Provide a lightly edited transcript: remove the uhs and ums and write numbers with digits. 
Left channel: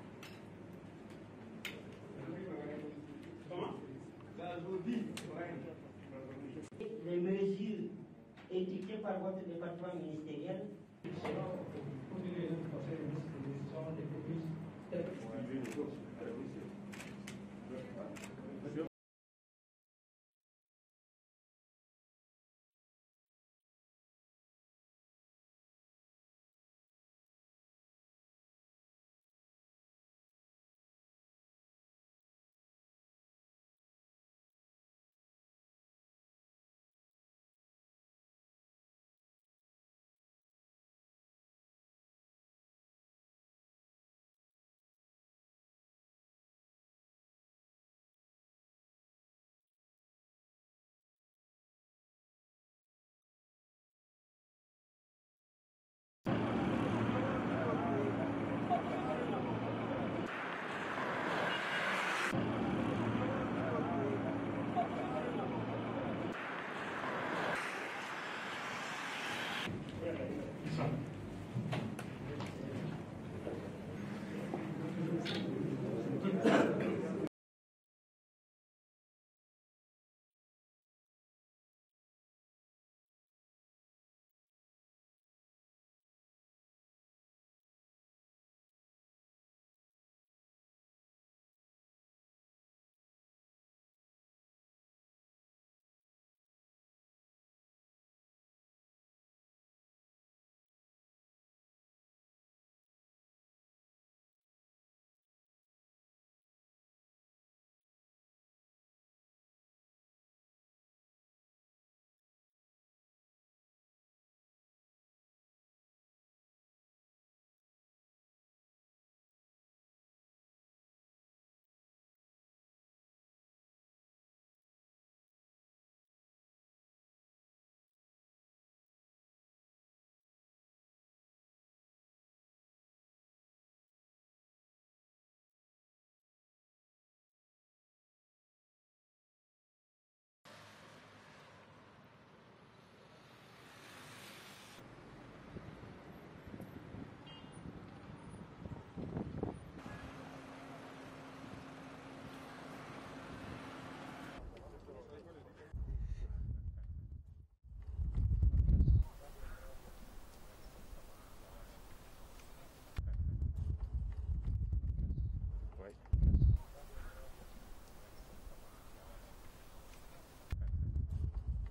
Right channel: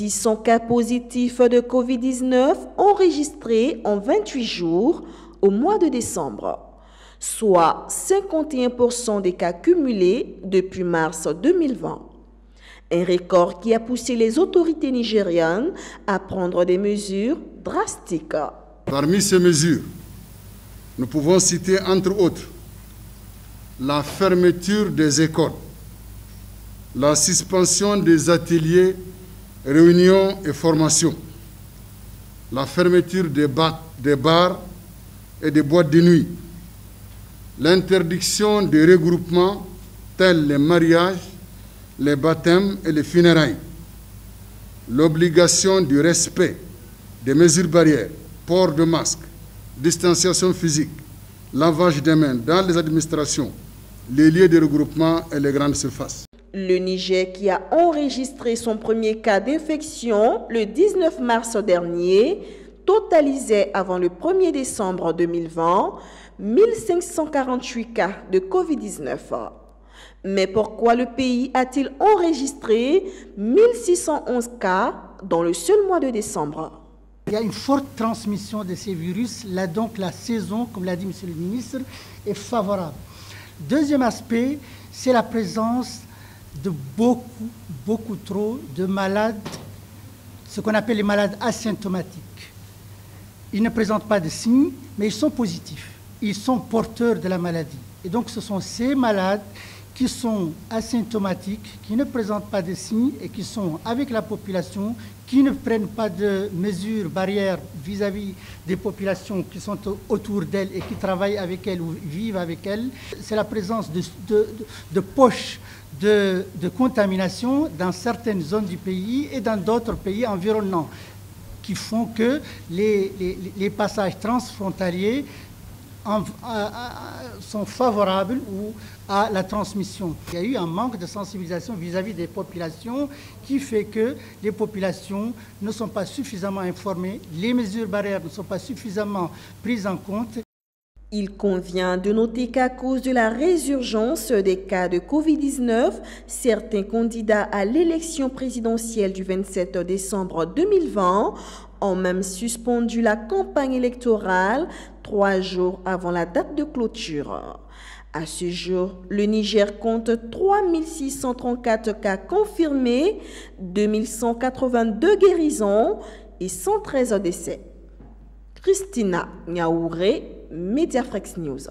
1600 cas positifs de Covid-19 enregistrés en 28 jours au mois de décembre, soit 51% des cas cumulés depuis mars 2020. Un record qui a poussé les autorités nigérianes à prendre des mesures drastiques. Parmi ces mesures, nous pouvons citer entre autres la fermeture des écoles, la suspension des ateliers, réunions et formations, la fermeture des bars et des boîtes de nuit, l'interdiction des regroupements tels les mariages, les baptêmes et les funérailles, l'obligation du respect des mesures barrières, port de masque, distanciation physique, lavage des mains dans les administrations, les lieux de regroupement et les grandes surfaces. Le Niger, qui a enregistré son premier cas d'infection le 19 mars dernier, totalisait avant le 1er décembre 2020 1548 cas de Covid-19. Mais pourquoi le pays a-t-il enregistré 1611 cas dans le seul mois de décembre? Il y a une forte transmission de ces virus. Là, donc, la saison, comme l'a dit M. le ministre, est favorable. Deuxième aspect, c'est la présence de beaucoup trop de malades, ce qu'on appelle les malades asymptomatiques. Ils ne présentent pas de signes, mais ils sont positifs. Ils sont porteurs de la maladie. Et donc, ce sont ces malades qui sont asymptomatiques, qui ne présentent pas de signes et qui sont avec la population, qui ne prennent pas de mesures barrières vis-à-vis des populations qui sont autour d'elles et qui travaillent avec elles ou vivent avec elles. C'est la présence de poches de contamination dans certaines zones du pays et dans d'autres pays environnants qui font que les passages transfrontaliers sont favorables à la transmission. Il y a eu un manque de sensibilisation vis-à-vis des populations qui fait que les populations ne sont pas suffisamment informées, les mesures barrières ne sont pas suffisamment prises en compte. Il convient de noter qu'à cause de la résurgence des cas de Covid-19, certains candidats à l'élection présidentielle du 27 décembre 2020 ont même suspendu la campagne électorale 3 jours avant la date de clôture. À ce jour, le Niger compte 3634 cas confirmés, 2182 guérisons et 113 décès. Christina Niaouré, Mediafrex News.